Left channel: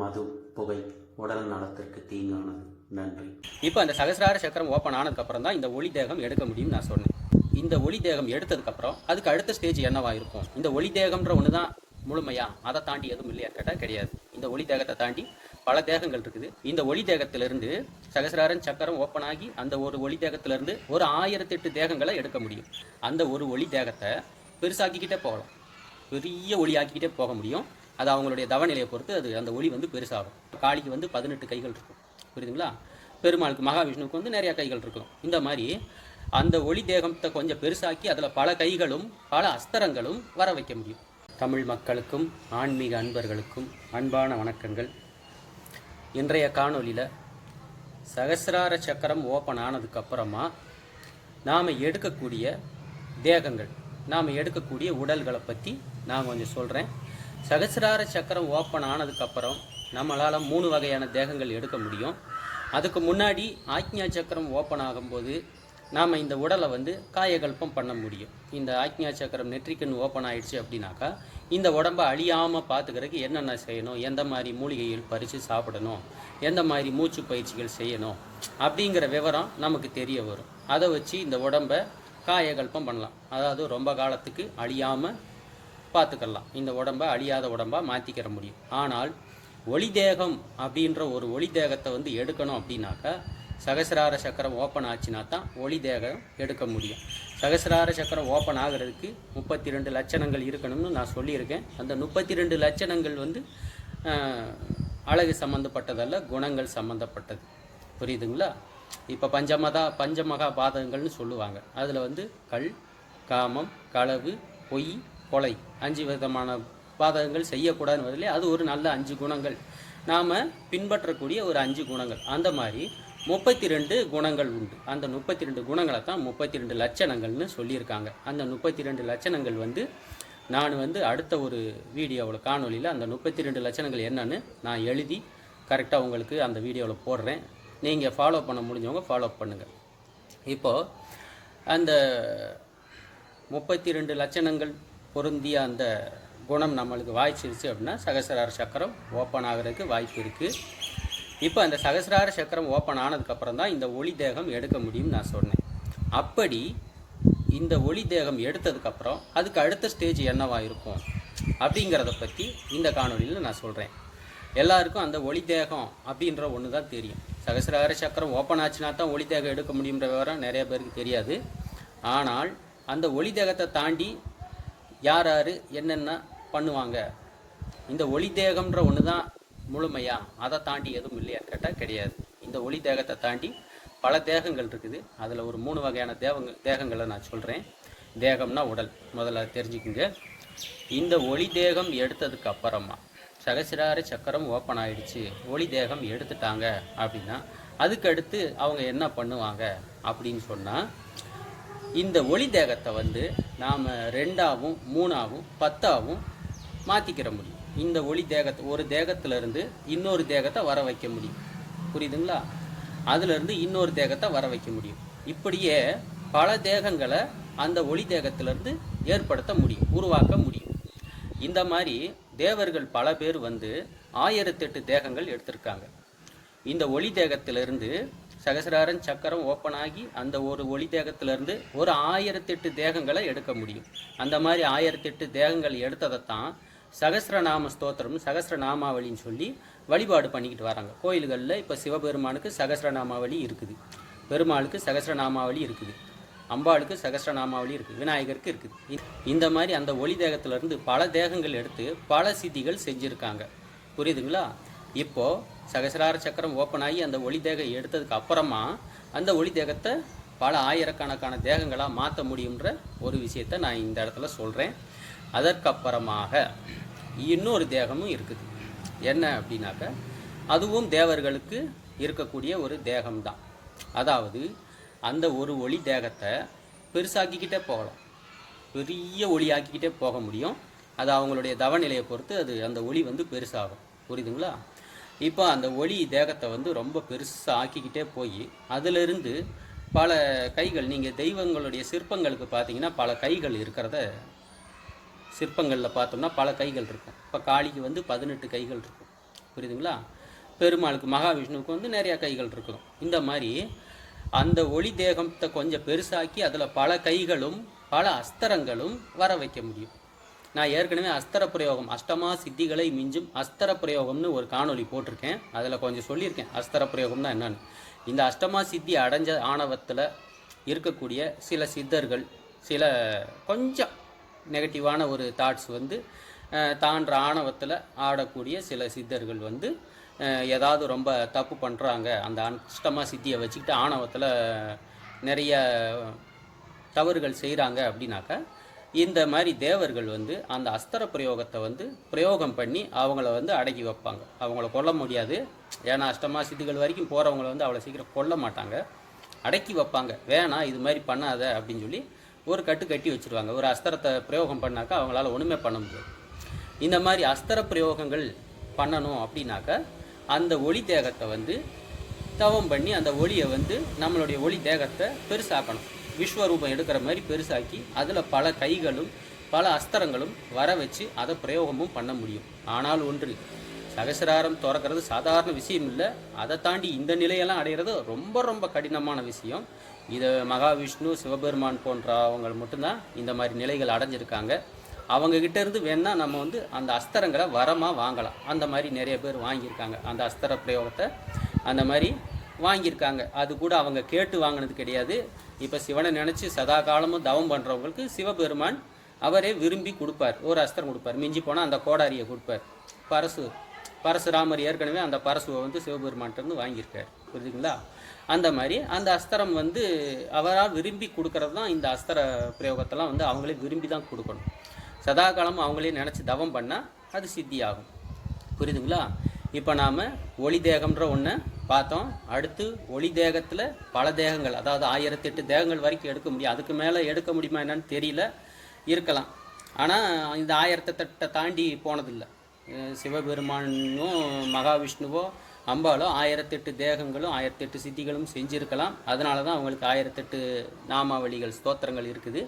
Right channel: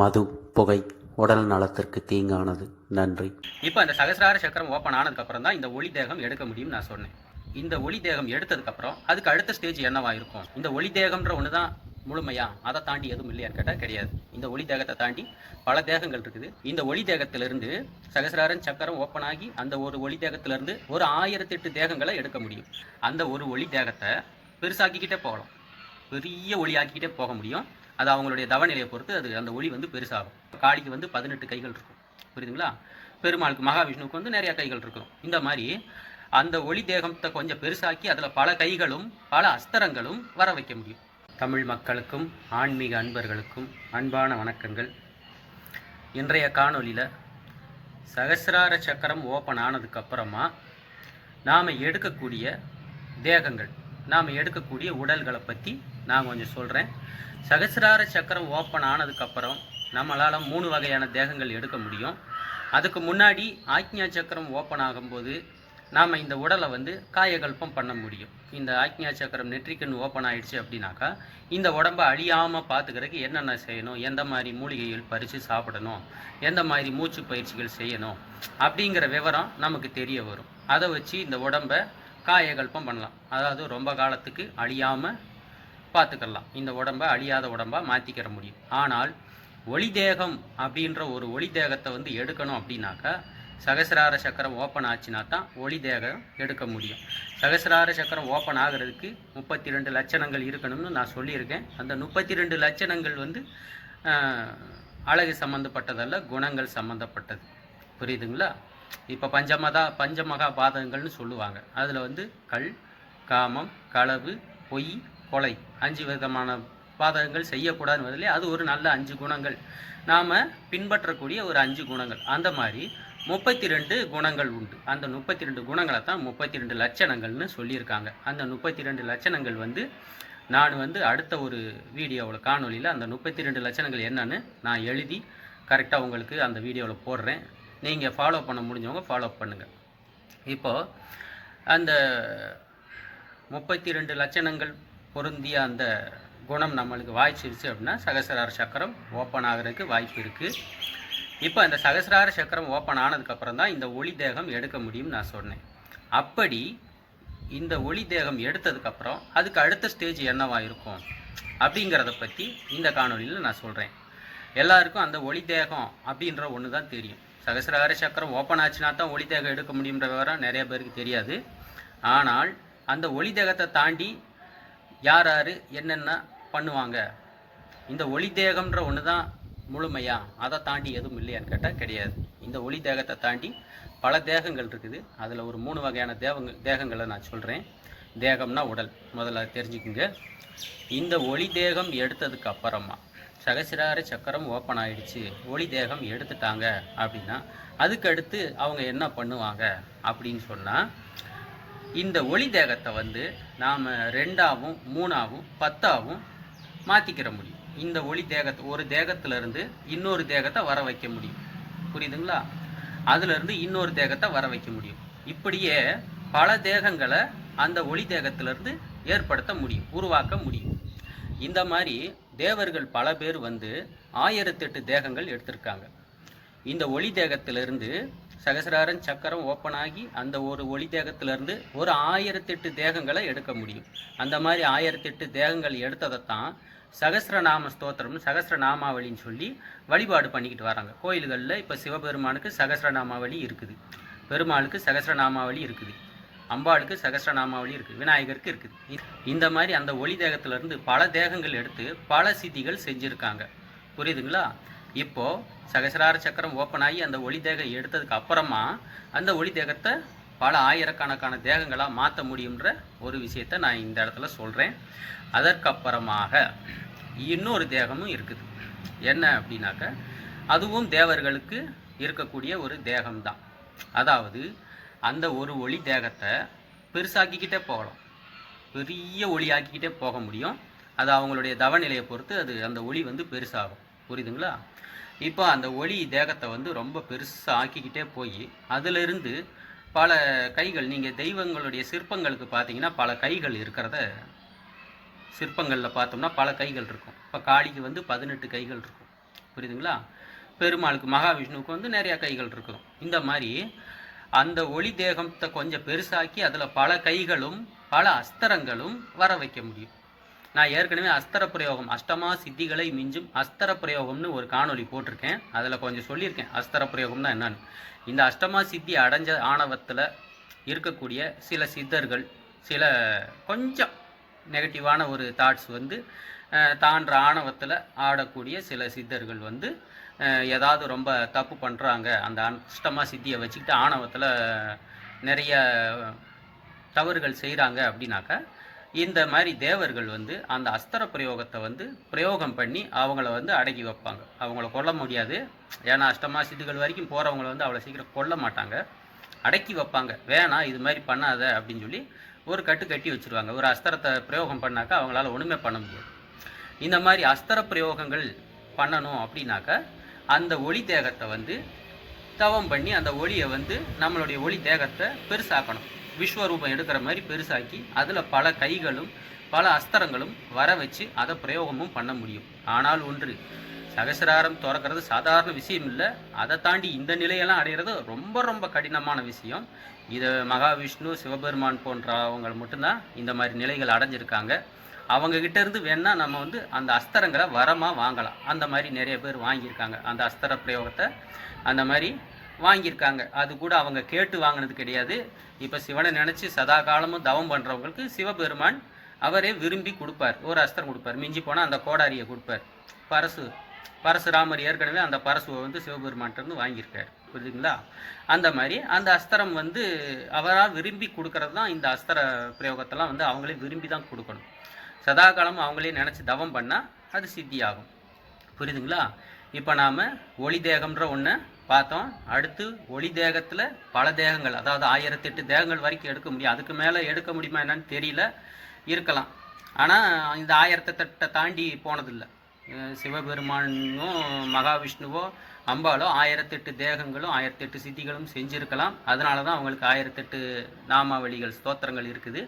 மது, புகை உடல் நலத்திற்கு தீங்கானது. நன்றி. இப்போ அந்த சகசிரார சக்கரம் ஓப்பன் ஆனதுக்கப்புறம் தான் இந்த ஒளி தேகம் எடுக்க முடியும்னு நான் சொன்னேன். இந்த ஒளி தேகம் எடுத்ததுக்கப்புறம் அதுக்கு அடுத்த ஸ்டேஜ் என்னவா இருக்கும்? இந்த ஒளி தேகம்ன்ற ஒன்று தான் முழுமையா? அதை தாண்டி எதுவும் இல்லையான்னு கேட்டால் கிடையாது. இந்த ஒளி தேகத்தை தாண்டி பல தேகங்கள் இருக்குது. இந்த ஒளி தேகத்திலிருந்து சகசிராரன் சக்கரம் ஓப்பன் ஆகி அந்த ஒரு ஒளி தேகத்திலிருந்து ஒரு 1008 தேகங்களை எடுக்க முடியும். அந்த ஒரு ஒளி தேகத்தை பெருசாக்கிக்கிட்டே போகலாம், பெரிய ஒளி ஆக்கிக்கிட்டே போக முடியும். அது அவங்களுடைய தவநிலையை பொறுத்து அது அந்த ஒளி பெருசாகும். காளிக்கு 18 கைகள் இருக்கும், புரியுதுங்களா? பெருமாளுக்கு மகாவிஷ்ணுவுக்கு நிறைய கைகள் இருக்கும். இந்த மாதிரி அந்த ஒளி தேகத்தை கொஞ்சம் பெருசாக்கி அதில் பல கைகளும் பல அஸ்திரங்களும் வர வைக்க முடியும். தமிழ் மக்களுக்கும் ஆன்மீக அன்பர்களுக்கும் அன்பான வணக்கங்கள். இன்றைய காணொலியில் சகசிரார சக்கரம் ஓப்பன் ஆனதுக்கப்புறமா நாம் எடுக்கக்கூடிய தேகங்கள், நாம் எடுக்கக்கூடிய உடல்களை பற்றி நான் கொஞ்சம் சொல்கிறேன். சகசிரார சக்கரம் ஓப்பன் ஆனதுக்கப்புறம் நம்மளால் 3 வகையான தேகங்கள் எடுக்க முடியும். அதுக்கு முன்னாடி ஆக்ஞா சக்கரம் ஓப்பன் ஆகும்போது நாம் இந்த உடலை காயகல்பம் பண்ண முடியும். இந்த ஆக்ஞா சக்கரம் நெற்றிக்கண் ஓப்பன் ஆகிடுச்சு அப்படின்னாக்கா இந்த உடம்பை அழியாமல் பார்த்துக்கிறதுக்கு என்னென்ன செய்யணும், எந்த மாதிரி மூலிகைகள் பறித்து சாப்பிடணும், எந்த மாதிரி மூச்சு பயிற்சிகள் செய்யணும் அப்படிங்கிற விவரம் நமக்கு தெரிய வரும். அதை வச்சு இந்த உடம்பை காயகல்பம் பண்ணலாம். அதாவது ரொம்ப காலத்துக்கு அழியாமல் பார்த்துக்கலாம். இந்த உடம்பை அழியாத உடம்பாக மாற்றிக்கிற முடியும். ஆனால் ஒளி தேகம் அப்படின்ற ஒரு ஒளி தேகத்தை எடுக்கணும் அப்படின்னாக்கா சகசிரார சக்கரம் ஓப்பன் ஆச்சுன்னா தான் ஒளி தேகம் எடுக்க முடியும். சகசிரார சக்கரம் ஓப்பன் ஆகிறதுக்கு 32 லட்சணங்கள் இருக்கணும்னு நான் சொல்லியிருக்கேன். அந்த 32 லட்சணங்கள் அழகு சம்மந்தப்பட்டதல்ல, குணங்கள் சம்மந்தப்பட்டது, புரியுதுங்களா? இப்போ பஞ்சமகா பாதகங்கள்னு சொல்லுவாங்க. அதில் கல், காமம், களவு, பொய், கொலை 5 விதமான பாதகங்கள் செய்யக்கூடாதுன்னு அது ஒரு நல்ல 5 குணங்கள், நாம் பின்பற்றக்கூடிய ஒரு 5 குணங்கள். அந்த மாதிரி 32 குணங்கள் உண்டு. அந்த 32 குணங்களை தான் 32 லட்சணங்கள்னு சொல்லியிருக்காங்க. அந்த 32 லட்சணங்கள் நான் அடுத்த ஒரு வீடியோவில் காணொலியில் அந்த 32 லட்சணங்கள் என்னன்னு நான் எழுதி கரெக்டாக உங்களுக்கு அந்த வீடியோவில் போடுறேன். நீங்கள் ஃபாலோ பண்ண முடிஞ்சவங்க ஃபாலோ பண்ணுங்கள். இப்போது அந்த 32 லட்சணங்கள் பொருந்திய அந்த குணம் நம்மளுக்கு வாய்ச்சிருச்சு அப்படின்னா சகசிரார சக்கரம் ஓப்பன் ஆகிறதுக்கு வாய்ப்பு இருக்குது. இப்போ அந்த சகசிரார சக்கரம் ஓப்பன் ஆனதுக்கப்புறம் தான் இந்த ஒளி தேகம் எடுக்க முடியும்னு நான் சொன்னேன். அப்படி இந்த ஒளி தேகம் எடுத்ததுக்கப்புறம் அதுக்கு அடுத்த ஸ்டேஜ் என்னவா இருக்கும் அப்படிங்கிறத பற்றி இந்த காணொலியில் நான் சொல்கிறேன். எல்லாருக்கும் அந்த ஒளி தேகம் அப்படின்ற ஒன்று தான் தெரியும். சகசிரார சக்கரம் ஓப்பன் ஆச்சுன்னா தான் ஒளி தேகம் எடுக்க முடியுன்ற விவரம் நிறைய பேருக்கு தெரியாது. ஆனால் அந்த ஒளி தேகத்தை தாண்டி யார் யார் என்னென்ன பண்ணுவாங்க, இந்த ஒளி தேகம்ன்ற ஒன்று தான் முழுமையா? அதை தாண்டி எதுவும் இல்லையான்னு கேட்டால் கிடையாது. இந்த ஒளி தேகத்தை தாண்டி பல தேகங்கள் இருக்குது. அதில் ஒரு 3 வகையான தேகங்களை நான் சொல்கிறேன். தேகம்னா உடல், முதல்ல தெரிஞ்சுக்குங்க. இந்த ஒளி தேகம் எடுத்ததுக்கு அப்புறமா சகசிரார சக்கரம் ஓப்பன் ஆகிடுச்சு, ஒளி தேகம் எடுத்துட்டாங்க அப்படின்னா அதுக்கடுத்து அவங்க என்ன பண்ணுவாங்க அப்படின்னு சொன்னால், இந்த ஒளி தேகத்தை நாம் 2ஆவும் 3ஆவும் 10ஆவும் மாற்றிக்கிற முடியும். இந்த ஒளி தேகத்தை ஒரு தேகத்திலிருந்து இன்னொரு தேகத்தை வர வைக்க முடியும், புரியுதுங்களா? அதுலேருந்து இன்னொரு தேகத்தை வர வைக்க முடியும். இப்படியே பல தேகங்களை அந்த ஒளி தேகத்திலிருந்து ஏற்படுத்த முடியும், உருவாக்க முடியும். இந்த மாதிரி தேவர்கள் பல பேர் 1008 தேகங்கள் எடுத்திருக்காங்க. இந்த ஒளி தேகத்திலிருந்து சகசிராரன் சக்கரம் ஓப்பன் ஆகி அந்த ஒரு ஒளி தேகத்திலிருந்து ஒரு 1008 தேகங்களை எடுக்க முடியும். அந்த மாதிரி 1008 தேகங்கள் எடுத்ததைத்தான் சகசிரநாம ஸ்தோத்திரம், சகசிரநாமாவளின்னு சொல்லி வழிபாடு பண்ணிக்கிட்டு வராங்க கோயில்களில். இப்போ சிவபெருமானுக்கு சகசிரநாமாவளி இருக்குது, பெருமாளுக்கு சகசிரநாமாவளி இருக்குது, அம்பாளுக்கு சகசிரநாமாவளி இருக்குது, விநாயகருக்கு இருக்குது. இந்த மாதிரி அந்த ஒளி தேகத்திலிருந்து பல தேகங்கள் எடுத்து பல சித்திகள் செஞ்சுருக்காங்க, புரியுதுங்களா? இப்போது சகசிரார சக்கரம் ஓப்பன் ஆகி அந்த ஒளி தேகம் எடுத்ததுக்கு அப்புறமா அந்த ஒளி தேகத்தை பல ஆயிரக்கணக்கான தேகங்களாக மாற்ற முடியுன்ற ஒரு விஷயத்தை நான் இந்த இடத்துல சொல்கிறேன். அதற்கப்புறமாக இன்னொரு தேகமும் இருக்குது. என்ன அப்படின்னாக்க அதுவும் தேவர்களுக்கு இருக்கக்கூடிய ஒரு தேகம்தான். அதாவது அந்த ஒரு ஒளி தேகத்தை பெருசாக்கிக்கிட்டே போகலாம், பெரிய ஒளி ஆக்கிக்கிட்டே போக முடியும். அது அவங்களுடைய தவநிலையை பொறுத்து அது அந்த ஒளி பெருசாகும், புரியுதுங்களா? இப்போ அந்த ஒளி தேகத்தை ரொம்ப பெருசாக ஆக்கிக்கிட்டே போய் அதிலிருந்து பல கைகள், நீங்கள் தெய்வங்களுடைய சிற்பங்களுக்கு பார்த்தீங்கன்னா பல கைகள் இருக்கிறத சிற்பங்களில் பார்த்தோம்னா பல கைகள் இருக்கும். இப்போ காளிக்கு 18 கைகள் இருக்கும், புரியுதுங்களா? பெருமாளுக்கு மகாவிஷ்ணுவுக்கு வந்து நிறையா கைகள் இருக்கணும். இந்த மாதிரி அந்த ஒளி தேகத்தை கொஞ்சம் பெருசாக்கி அதில் பல கைகளும் பல அஸ்திரங்களும் வர வைக்க முடியும். நான் ஏற்கனவே அஸ்திர பிரயோகம், அஷ்டமா சித்திகளை மிஞ்சும் அஸ்திர பிரயோகம்னு ஒரு காணொளி போட்டிருக்கேன். அதில் கொஞ்சம் சொல்லியிருக்கேன் அஸ்திர பிரயோகம்னா என்னன்னு. இந்த அஷ்டமா சித்தி அடைஞ்ச ஆணவத்தில் இருக்கக்கூடிய சில சித்தர்கள், சில கொஞ்சம் நெகட்டிவான ஒரு தாட்ஸ் வந்து தான்ற ஆணவத்தில் ஆடக்கூடிய சில சித்தர்கள் வந்து ஏதாவது ரொம்ப தப்பு பண்ணுறாங்க, அந்த அஷ்டமா சித்தியை வச்சுக்கிட்டு ஆணவத்தில் நிறைய தவறுகள் செய்கிறாங்க அப்படின்னாக்கா, இந்த மாதிரி தேவர்கள் வந்து அந்த அஸ்திர பிரயோகத்தை வந்து பிரயோகம் பண்ணி அவங்கள வந்து அடக்கி வைப்பாங்க. அவங்கள கொல்ல முடியாது, ஏன்னா அஷ்டமா சித்திகள் வரைக்கும் போகிறவங்கள வந்து அவ்வளோ சீக்கிரம் கொல்ல மாட்டாங்க, அடக்கி வைப்பாங்க. வேணாம் இது மாதிரி பண்ணாத அப்படின்னு சொல்லி ஒரு கட்டு கட்டி வச்சுருவாங்க. ஒரு அஸ்திரத்தை பிரயோகம் பண்ணாக்கா அவங்களால ஒன்றுமே பண்ண முடியாது. இந்த மாதிரி அஸ்திர பிரயோகங்கள் பண்ணணும் அப்படின்னாக்கா அந்த ஒளி தேகத்தை வந்து தவம் பண்ணி அந்த ஒளியை வந்து நம்மளுடைய ஒளி தேகத்தை பெருசாக்கணும். விஸ்வரூபம் எடுக்கிற மாதிரி பெருசாக்கி அதில் பல கைகளும் பல அஸ்திரங்களும் வர வச்சு அதை பிரயோகமும் பண்ண முடியும். ஆனால் ஒன்று, சகசிராரம் திறக்கிறது சாதாரண விஷயம் இல்லை. அதை தாண்டி இந்த நிலையெல்லாம் அடைகிறது ரொம்ப ரொம்ப கடினமான விஷயம். இதை மகாவிஷ்ணு, சிவபெருமான் போன்ற அவங்க மட்டும்தான் இந்த மாதிரி நிலைகள் அடைஞ்சிருக்காங்க. அவங்கக்கிட்ட இருந்து வேணால் நம்ம வந்து அந்த அஸ்திரங்களை வரமாக வாங்கலாம். அந்த மாதிரி நிறைய பேர் வாங்கியிருக்காங்க. அந்த அஸ்திர பிரயோகத்தை அந்த மாதிரி வாங்கியிருக்காங்க. அது கூட அவங்க கேட்டு வாங்கினது கிடையாது. இப்போ சிவனை நினச்சி சதா காலமும் தவம் பண்ணுறவங்களுக்கு சிவபெருமான் அவரே விரும்பி கொடுப்பார். ஒரு அஸ்திரம் கொடுப்பார். மிஞ்சி போனால் அந்த கோடாரியை கொடுப்பார். பரசுராமர் ஏற்கனவே அந்த பரசுவை வந்து சிவபெருமான்கிட்டருந்து வாங்கியிருக்கார். புரியுதுங்களா? அந்த மாதிரி அந்த அஸ்திரம் வந்து அவராக விரும்பி கொடுக்கறது தான். இந்த அஸ்திர பிரயோகத்தெல்லாம் வந்து அவங்களே விரும்பி தான் கொடுக்கணும். சதா காலமும் அவங்களே நினச்சி தவம் பண்ணால் அது சித்தி ஆகும். புரியுதுங்களா? இப்போ நாம் ஒளி தேகம்ன்ற ஒன்று பார்த்தோம். அடுத்து ஒளி தேகத்தில் பல தேகங்கள், அதாவது 1008 தேகங்கள் வரைக்கும் எடுக்க முடியும். அதுக்கு மேலே எடுக்க முடியுமா என்னன்னு தெரியல, இருக்கலாம். ஆனால் இந்த 1008 தாண்டி போனதில்லை. சிவபெருமானும் மகாவிஷ்ணுவோ அம்பாலோ 1008 தேகங்களும் 1008 சித்திகளும் செஞ்சுருக்கலாம். அதனால தான் அவங்களுக்கு 1008 நாமாவளிகள், ஸ்தோத்திரங்கள் இருக்குது.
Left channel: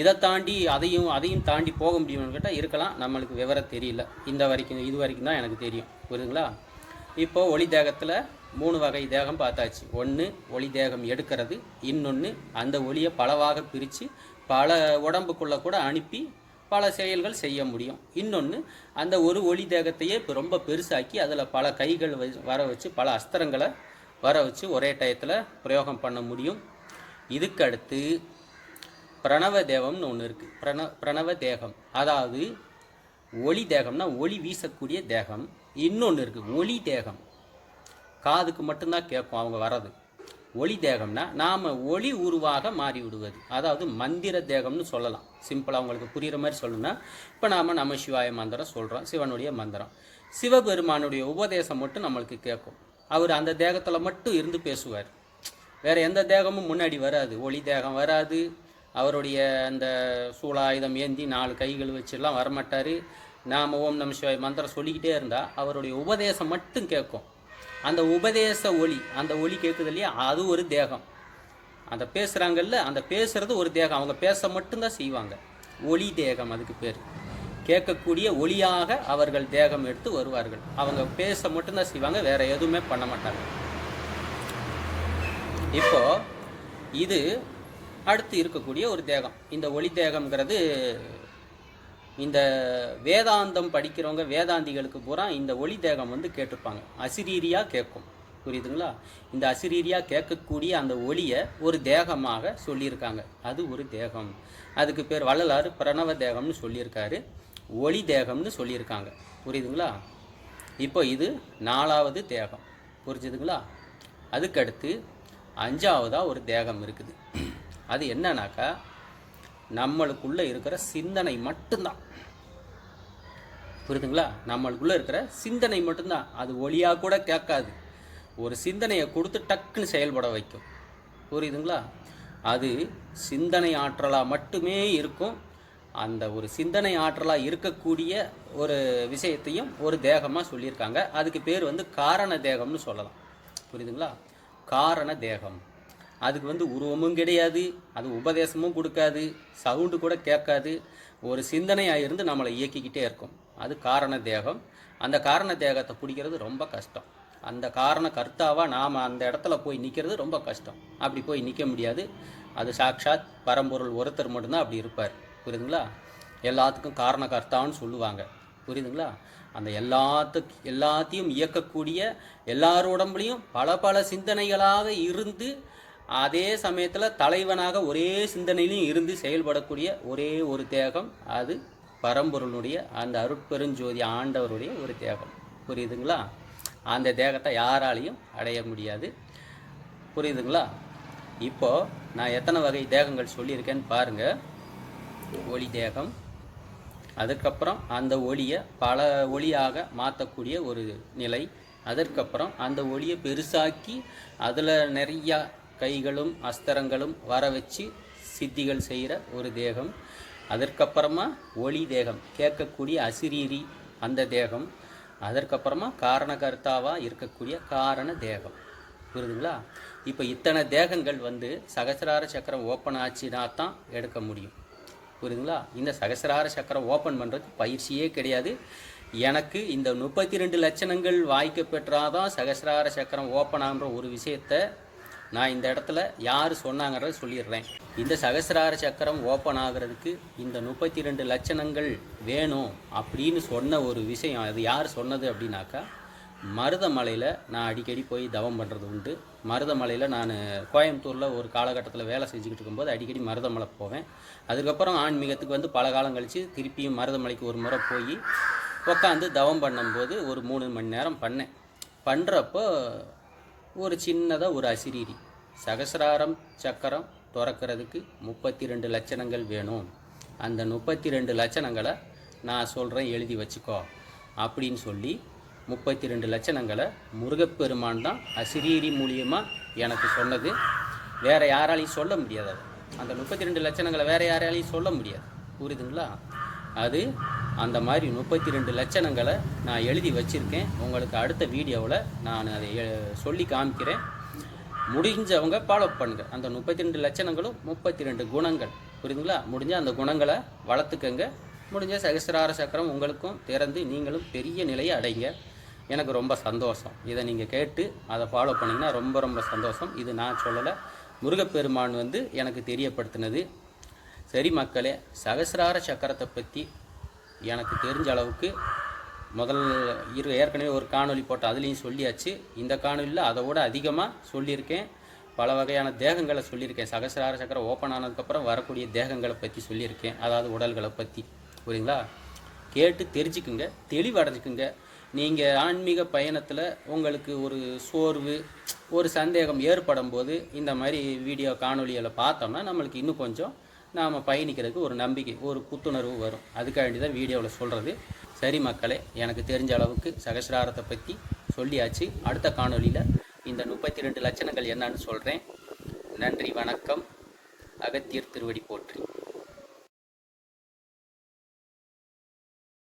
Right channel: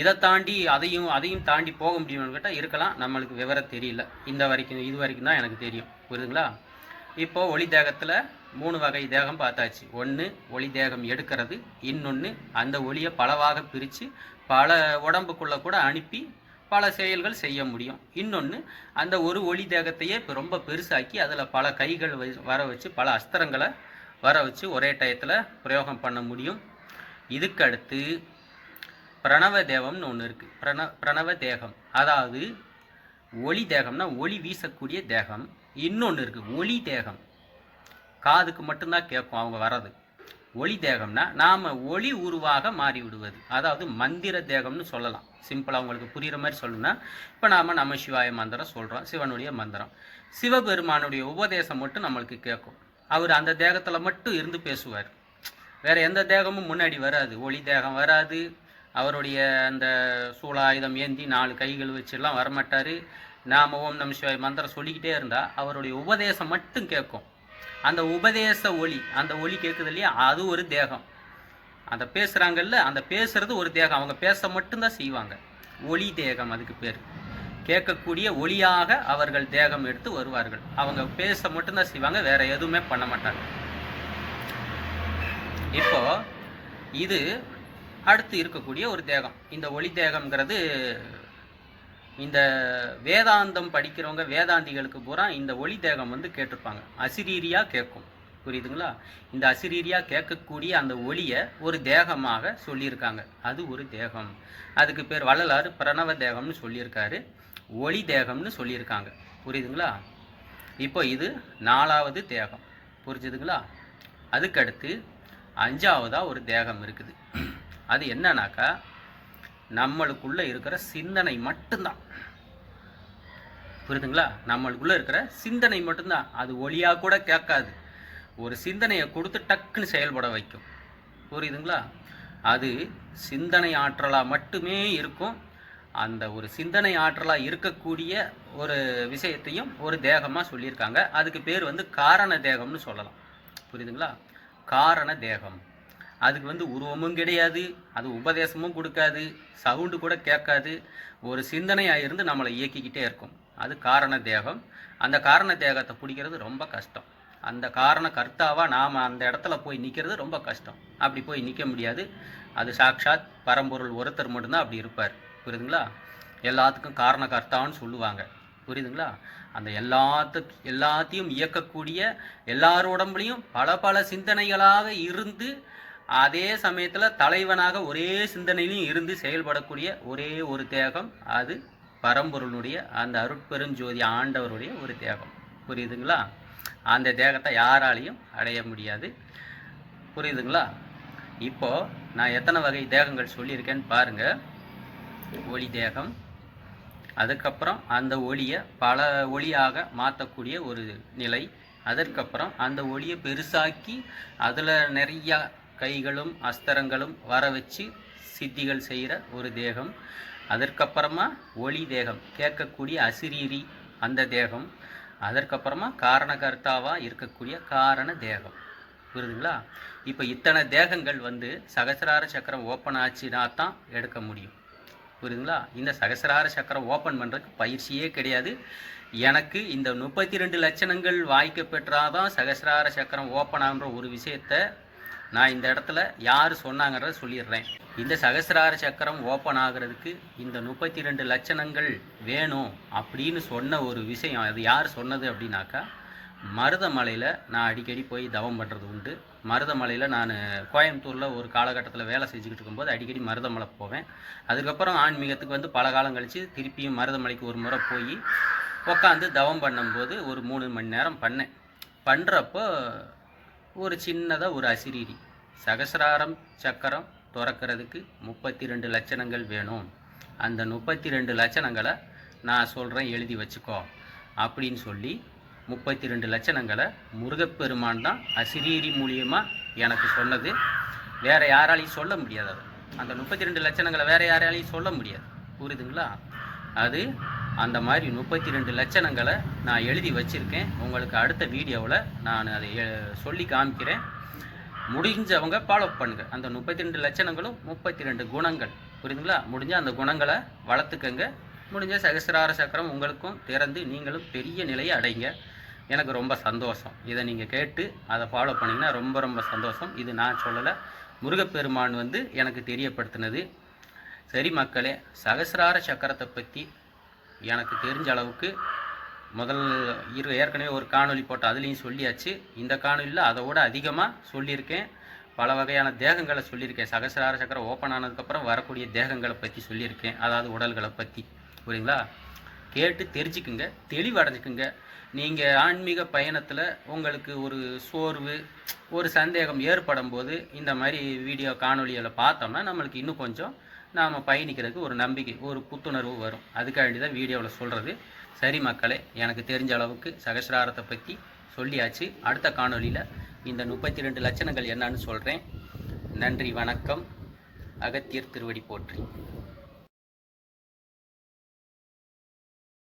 இதை தாண்டி அதையும் தாண்டி போக முடியும்னு கேட்டால் இருக்கலாம். நம்மளுக்கு விவரம் தெரியல. இது வரைக்கும் தான் எனக்கு தெரியும். புரியுதுங்களா? இப்போது ஒளி தேகத்தில் 3 வகை தேகம் பார்த்தாச்சு. ஒன்று ஒளி தேகம் எடுக்கிறது, இன்னொன்று அந்த ஒளியை பலவாக பிரித்து பல உடம்புக்குள்ளே கூட அனுப்பி பல செயல்கள் செய்ய முடியும். இன்னொன்று அந்த ஒரு ஒளி தேகத்தையே இப்போ ரொம்ப பெருசாக்கி அதில் பல கைகள் வர வச்சு பல அஸ்திரங்களை வர வச்சு ஒரே டயத்தில் பிரயோகம் பண்ண முடியும். இதுக்கு அடுத்து பிரணவ தேவம்னு ஒன்று இருக்குது. பிரணவ தேகம், அதாவது ஒளி தேகம்னா ஒளி வீசக்கூடிய தேகம். இன்னொன்று இருக்குது ஒளி தேகம், காதுக்கு மட்டும்தான் கேட்கும் அவங்க வர்றது. ஒளி தேகம்னா நாம் ஒளி உருவாக மாறி விடுவது, அதாவது மந்திர தேகம்னு சொல்லலாம். சிம்பிளாக உங்களுக்கு புரிகிற மாதிரி சொல்லணும்னா, இப்போ நாம் நம சிவாய மந்திரம் சொல்கிறோம், சிவனுடைய மந்திரம். சிவபெருமானுடைய உபதேசம் மட்டும் நம்மளுக்கு கேட்கும். அவர் அந்த தேகத்தில் மட்டும் இருந்து பேசுவார். வேறு எந்த தேகமும் முன்னாடி வராது. ஒளி தேகம் வராது. அவருடைய அந்த சூலாயுதம் ஏந்தி 4 கைகள் வச்சுலாம் வரமாட்டார். நாம் ஓம் நம சிவாய மந்திரம் சொல்லிக்கிட்டே இருந்தால் அவருடைய உபதேசம் மட்டும் கேட்கும். அந்த உபதேச ஒளி, அந்த ஒளி கேட்குது இல்லையா, அது ஒரு தேகம். அந்த பேசுகிறாங்கல்ல, அந்த பேசுகிறது ஒரு தேகம். அவங்க பேச மட்டும்தான் செய்வாங்க. ஒளி தேகம் அதுக்கு பேர். கேட்கக்கூடிய ஒளியாக அவர்கள் தேகம் எடுத்து வருவார்கள். அவங்க பேச மட்டும்தான் செய்வாங்க, வேற எதுவுமே பண்ண மாட்டாங்க. இப்போ இது அடுத்து இருக்கக்கூடிய ஒரு தேகம். இந்த ஒளி தேகம்ங்கிறது இந்த வேதாந்தம் படிக்கிறவங்க, வேதாந்திகளுக்கு பூரா இந்த ஒளி தேகம் வந்து கேட்டிருப்பாங்க. அசிரீரியாக கேட்கும். புரியுதுங்களா? இந்த அசிரீரியாக கேட்கக்கூடிய அந்த ஒளியை ஒரு தேகமாக சொல்லியிருக்காங்க. அது ஒரு தேகம். அதுக்கு பேர் வள்ளலார் பிரணவ தேகம்னு சொல்லியிருக்காரு, ஒளி தேகம்னு சொல்லியிருக்காங்க. புரியுதுங்களா? இப்போ இது 4வது தேகம். புரிஞ்சுதுங்களா? அதுக்கடுத்து 5வதாக ஒரு தேகம் இருக்குது. அது என்னன்னாக்கா, நம்மளுக்குள்ளே இருக்கிற சிந்தனை மட்டும்தான். புரியுதுங்களா? நம்மளுக்குள்ளே இருக்கிற சிந்தனை மட்டும்தான். அது ஒளியாக கூட கேட்காது. ஒரு சிந்தனையை கொடுத்து டக்குன்னு செயல்பட வைக்கும். புரியுதுங்களா? அது சிந்தனை ஆற்றலாக மட்டுமே இருக்கும். அந்த ஒரு சிந்தனை ஆற்றலாக இருக்கக்கூடிய ஒரு விஷயத்தையும் ஒரு தேகமாக சொல்லியிருக்காங்க. அதுக்கு பேர் வந்து காரண தேகம்னு சொல்லலாம். புரியுதுங்களா? காரண தேகம். அதுக்கு வந்து உருவமும் கிடையாது, அது உபதேசமும் கொடுக்காது, சவுண்டு கூட கேட்காது. ஒரு சிந்தனையாக இருந்து நம்மளை இயக்கிக்கிட்டே இருக்கும். அது காரண தேகம். அந்த காரண தேகத்தை பிடிக்கிறது ரொம்ப கஷ்டம். அந்த காரண கர்த்தாவாக நாம் அந்த இடத்துல போய் நிற்கிறது ரொம்ப கஷ்டம். அப்படி போய் நிற்க முடியாது. அது சாக்ஷாத் பரம்பொருள் ஒருத்தர் மட்டும்தான் அப்படி இருப்பார். புரியுதுங்களா? எல்லாத்துக்கும் காரண கர்த்தான்னு சொல்லுவாங்க. புரியுதுங்களா? அந்த எல்லாத்தையும் இயக்கக்கூடிய எல்லார் உடம்புலையும் பல பல சிந்தனைகளாக இருந்து அதே சமயத்தில் தலைவனாக ஒரே சிந்தனையிலும் இருந்து செயல்படக்கூடிய ஒரே ஒரு தேகம் அது பரம்பொருளுடைய அந்த அருட்பெருஞ்சோதி ஆண்டவருடைய ஒரு தேகம். புரியுதுங்களா? அந்த தேகத்தை யாராலையும் அடைய முடியாது. புரியுதுங்களா? இப்போது நான் எத்தனை வகை தேகங்கள் சொல்லியிருக்கேன்னு பாருங்கள். ஒளி தேகம், அதுக்கப்புறம் அந்த ஒளியை பல ஒளியாக மாற்றக்கூடிய ஒரு நிலை, அதற்கப்புறம் அந்த ஒளியை பெருசாக்கி அதில் நிறையா கைகளும் அஸ்திரங்களும் வர வச்சு சித்திகள் செய்கிற ஒரு தேகம், அதற்கப்புறமா ஒளி தேகம் கேட்கக்கூடிய அசிரீரி அந்த தேகம், அதற்கப்புறமா காரணகர்த்தாவாக இருக்கக்கூடிய காரண தேகம். புரியுதுங்களா? இப்போ இத்தனை தேகங்கள் சகசிரார சக்கரம் ஓப்பன் ஆச்சுனா தான் எடுக்க முடியும். புரியுதுங்களா? இந்த சகசிரார சக்கரம் ஓப்பன் பண்ணுறதுக்கு பயிற்சியே கிடையாது. எனக்கு இந்த 32 லட்சணங்கள் வாய்க்க பெற்றாதான் சகசிரார சக்கரம் ஓப்பன் ஆகுற ஒரு விஷயத்தை நான் இந்த இடத்துல யார் சொன்னாங்கிறத சொல்லிடுறேன். இந்த சகசிரார சக்கரம் ஓப்பன் ஆகிறதுக்கு இந்த 32 லட்சணங்கள் வேணும் அப்படின்னு சொன்ன ஒரு விஷயம், அது யார் சொன்னது அப்படின்னாக்கா, மருதமலையில் நான் அடிக்கடி போய் தவம் பண்ணுறது உண்டு. மருதமலையில் நான் கோயம்புத்தூரில் ஒரு காலகட்டத்தில் வேலை செஞ்சுக்கிட்டு இருக்கும்போது அடிக்கடி மருதமலை போவேன். அதுக்கப்புறம் ஆன்மீகத்துக்கு பல காலம் கழித்து திருப்பியும் மருதமலைக்கு ஒரு முறை போய் உட்காந்து தவம் பண்ணும்போது ஒரு 3 மணி நேரம் பண்ணேன். பண்ணுறப்போ ஒரு சின்னதாக ஒரு அசிரீரி, சகசிராரம் சக்கரம் திறக்கிறதுக்கு 32 லட்சணங்கள் வேணும், அந்த 32 லட்சணங்களை நான் சொல்கிறேன் எழுதி வச்சுக்கோ அப்படின்னு சொல்லி 32 லட்சணங்களை முருகப்பெருமான் தான் அசிரீரி மூலியமாக எனக்கு சொன்னது. வேறு யாராலையும் சொல்ல முடியாது. அந்த 32 லட்சணங்களை வேறு யாராலையும் சொல்ல முடியாது. புரியுதுங்களா? அது அந்த மாதிரி 32 லட்சணங்களை நான் எழுதி வச்சுருக்கேன். உங்களுக்கு அடுத்த வீடியோவில் நான் அதை சொல்லி காமிக்கிறேன். முடிஞ்சவங்க ஃபாலோ பண்ணுங்கள். அந்த 32 லட்சணங்களும் 32 குணங்கள். புரியுதுங்களா? முடிஞ்சால் அந்த குணங்களை வளர்த்துக்கங்க. முடிஞ்ச சகசிரார சக்கரம் உங்களுக்கும் திறந்து நீங்களும் பெரிய நிலையை அடைங்க. எனக்கு ரொம்ப சந்தோஷம். இதை நீங்கள் கேட்டு அதை ஃபாலோ பண்ணிங்கன்னா ரொம்ப ரொம்ப சந்தோஷம். இது நான் சொல்லலை, முருகப்பெருமான் எனக்கு தெரியப்படுத்தினது. சரி மக்களே, சகசிரார சக்கரத்தை பற்றி எனக்கு தெரிஞ்ச அளவுக்கு ஏற்கனவே ஒரு காணொலி போட்டு அதுலேயும் சொல்லியாச்சு. இந்த காணொலியில் அதோடு அதிகமாக சொல்லியிருக்கேன். பல வகையான தேகங்களை சொல்லியிருக்கேன். சகசிரார சக்கரம் ஓப்பன் ஆனதுக்கப்புறம் வரக்கூடிய தேகங்களை பற்றி சொல்லியிருக்கேன். அதாவது உடல்களை பற்றி. புரியுங்களா? கேட்டு தெரிஞ்சுக்குங்க, தெளிவடைஞ்சுக்குங்க. நீங்கள் ஆன்மீக பயணத்தில் உங்களுக்கு ஒரு சோர்வு, ஒரு சந்தேகம் ஏற்படும் போது இந்த மாதிரி வீடியோ காணொலிகளை பார்த்தோம்னா நம்மளுக்கு இன்னும் கொஞ்சம் நாம் பயணிக்கிறதுக்கு ஒரு நம்பிக்கை, ஒரு புத்துணர்வு வரும். அதுக்காண்டி தான் வீடியோவில் சொல்கிறது. சரி மக்களே, எனக்கு தெரிஞ்ச அளவுக்கு சகசிராரத்தை பற்றி சொல்லியாச்சு. அடுத்த காணொலியில் இந்த 32 லட்சணங்கள் என்னன்னு சொல்கிறேன். நன்றி, வணக்கம். அகத்தியர் திருவடி போற்றி.